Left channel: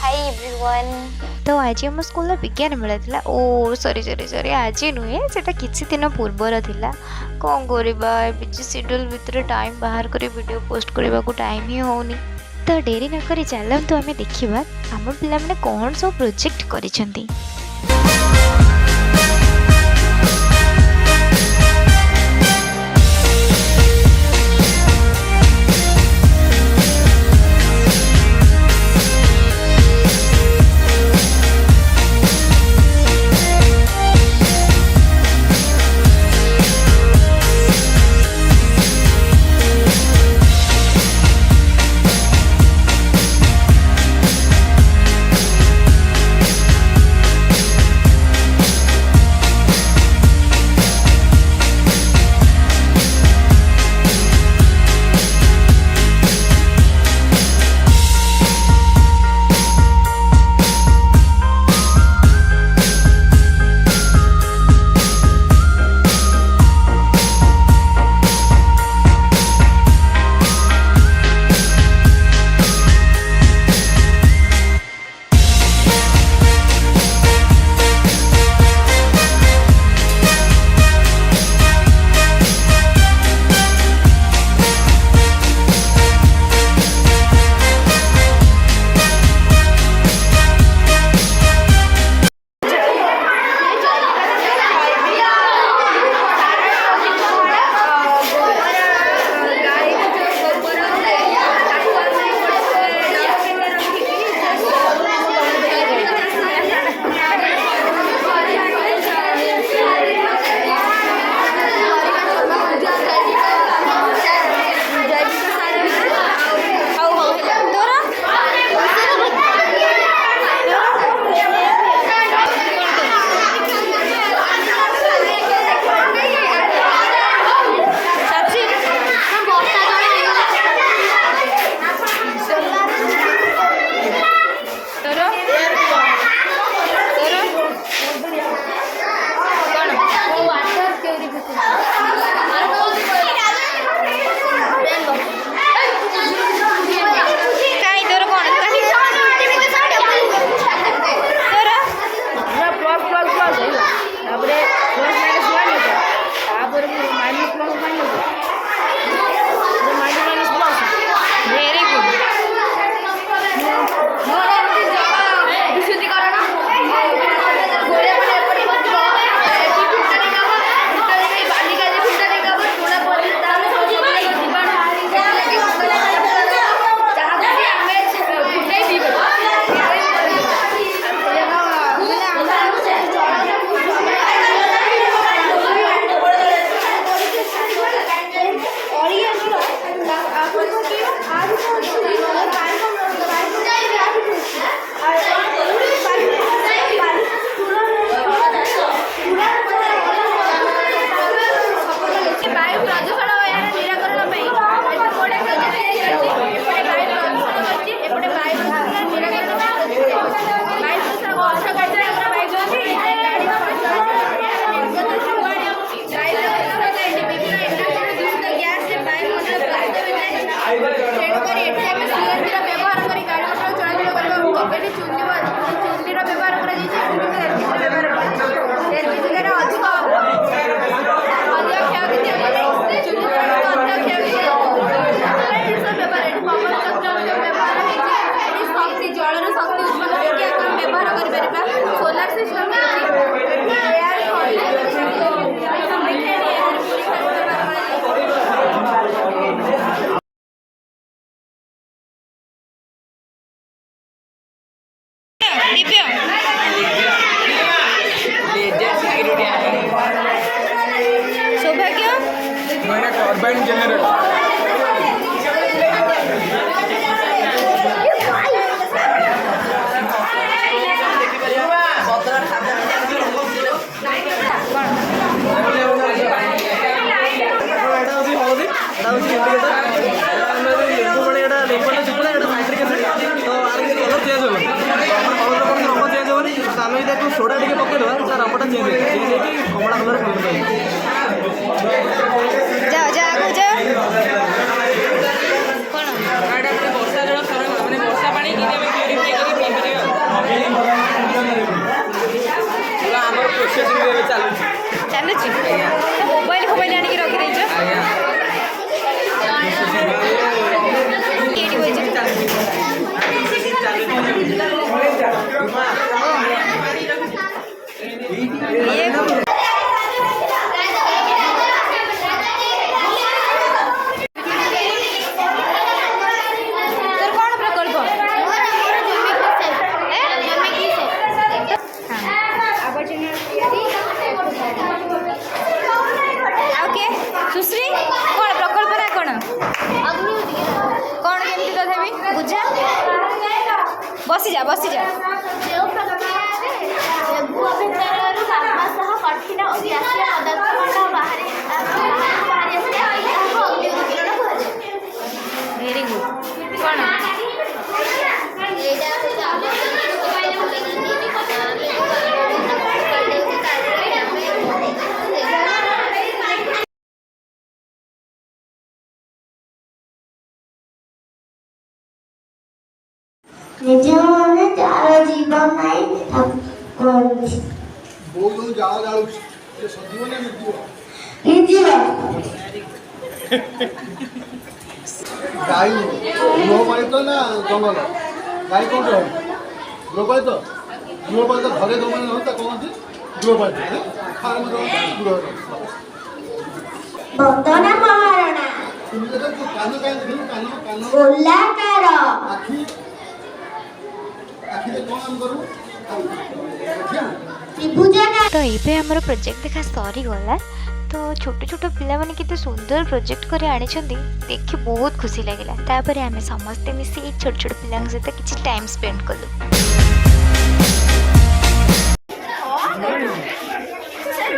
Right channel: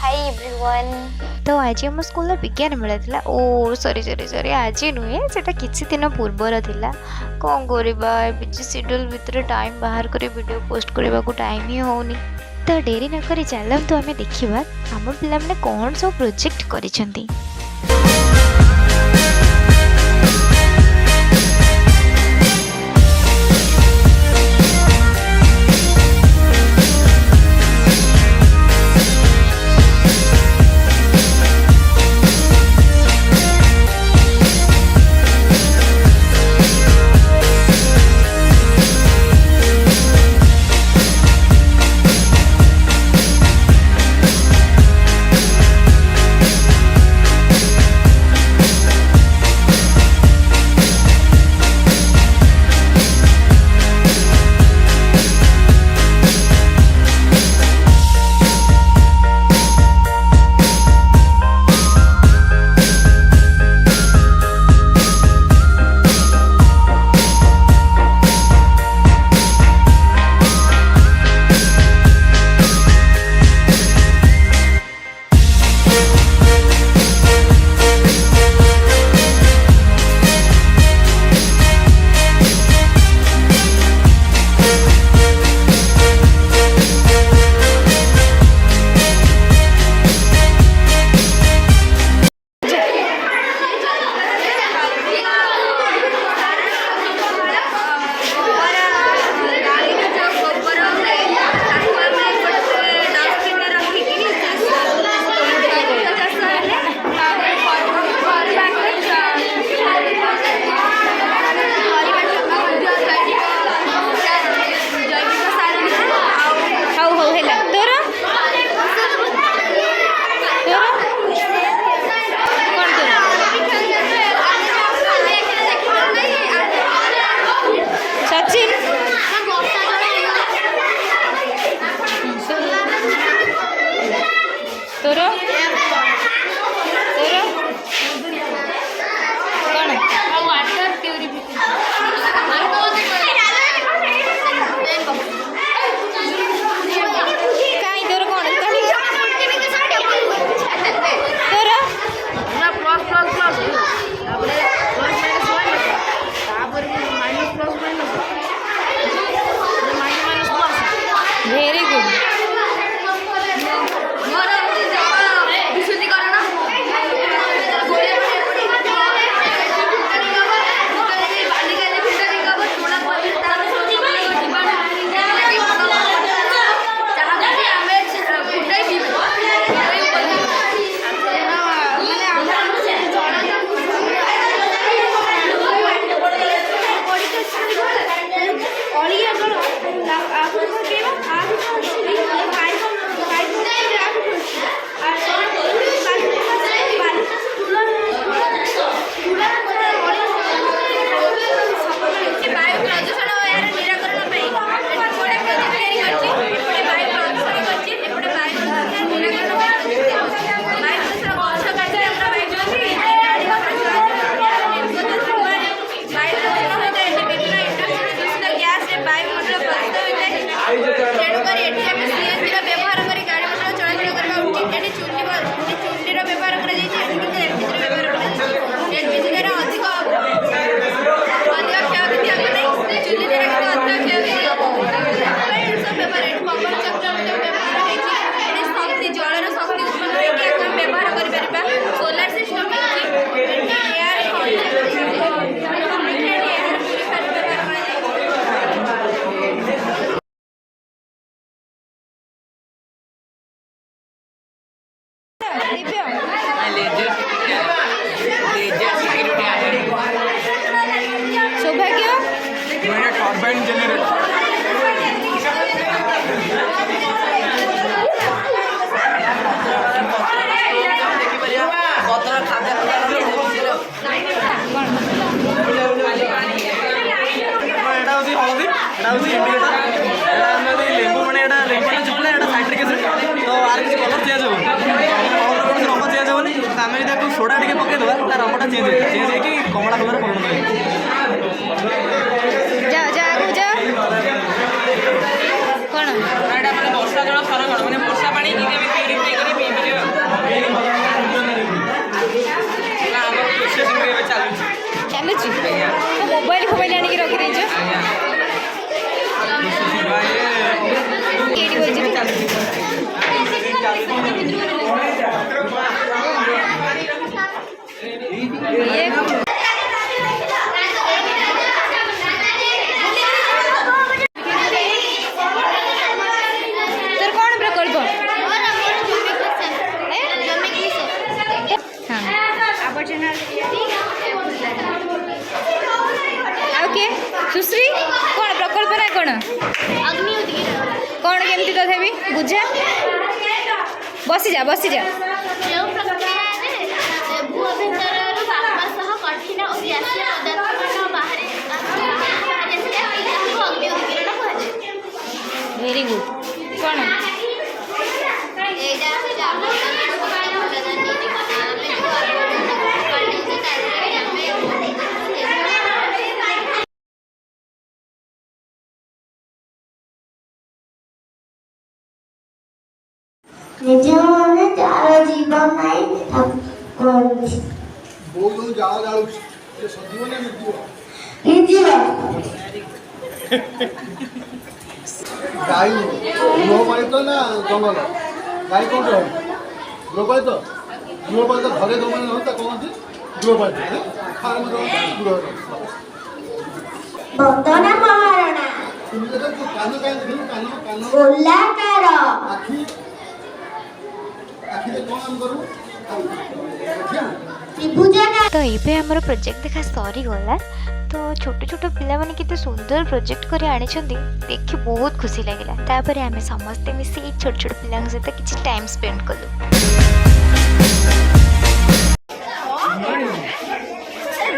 Hi everyone. तो आज आम स्कूल विज्ञान मेला ओ सॉरी सॉरी सॉरी आज नुहे से किसी दिन पूर्वर थिला कौन करवा बिजी शेड्यूल भितर टाइम बाहर कर वीडियो पोस्ट करने को टाइम ही होनी। तो डेरी नक चलतु आम देखा आम पे कौन सब प्रोजेक्ट करिसेंती। Very good. सोडा टे पकईदे तार रंगटा चेंज हो कमला कलर जा जा आगो जा कौन वर्षा जल संरक्षण मैंने वर्षा पानी তোর কোন প্রকল্প ओके सुश्री कौन प्रकल्प ना कौन कौन केमती तथापि बुझा बसी जा वेरी गुड कौन ନିଜମାନେ ଯାର ଜୀବନ ନାହିଁ କରୁଛି ବହୁତ ଜାଳ ଜାଳୁଛି ସେ ସଜିବ ନା ନିର୍ଜୀବ ନିର୍ଜୀବ ଗାଈ ଗୃହପାଳିତ ନା ଜଙ୍ଗଲ ଗାଈ କୋଉଠି ରହିବ ଗୃହପାଳିତ ଘରେ ଯେଉଁମାନେ ରହନ୍ତି ତାକୁ କହନ୍ତି ଗୃହପାଳିତ ଫାର୍ମ ଗୃହ ବଦନା ମହାରଣା କାନ କାନ କାନ ଗୋଲାକାର ଆଖିରେ କ'ଣ ଆମେ କରିବୁ ତ୍ରିଭୁଜାକାର ତ ଏବେ ଆମର ପ୍ରୋଜେକ୍ଟ ଦେଖା ସରିଗଲା ତ ଛୋଟ ଛୋଟ ପିଲାମାନେ କେତେ ସୁନ୍ଦର ପ୍ରୋଜେକ୍ଟ କରି ଆଣିଛନ୍ତି ଦେଖି ବହୁତ ଖୁସି ଲାଗିଲା ତାପରେ ଆମେ ସମସ୍ତେ ମିଶି ଏଇ ଛୋଟ ଛୋଟ ପିଲାଙ୍କ ସହିତ କିଛି ଟାଇମ୍ ସ୍ପେଣ୍ଡ କଲୁ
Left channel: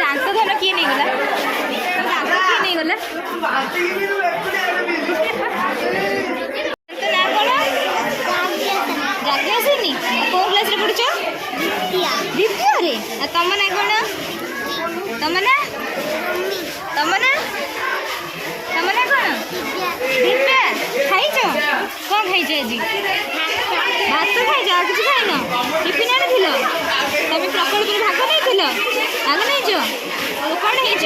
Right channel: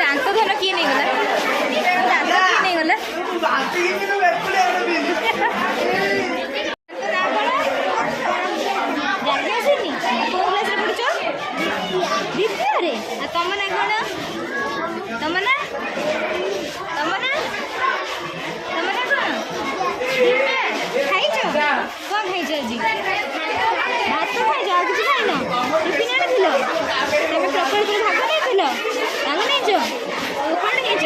ଦାନ୍ତ ଧନ କିଏ ନେଇଗଲା ଦାନ୍ତ କିଏ ନେଇଗଲା ଜାଗି ଆସୁନି କୋଉ କ୍ଲାସରେ ପଢୁଛ ଦ୍ୱିତୀୟରେ ତମ ନା କଣ ତମ ନା କଣ ଦିବ୍ୟା ଖାଇଛ କଣ ଖାଇଛ ଆଜି ଭାତ ଖାଇଛ ଆଉ କିଛି ଖାଇନ ଟିଫିନ ଆଣିଥିଲ ତମେ ପ୍ରକଳ୍ପରେ ଭାଗ ନେଇଥିଲ କଣ ହେଇଛ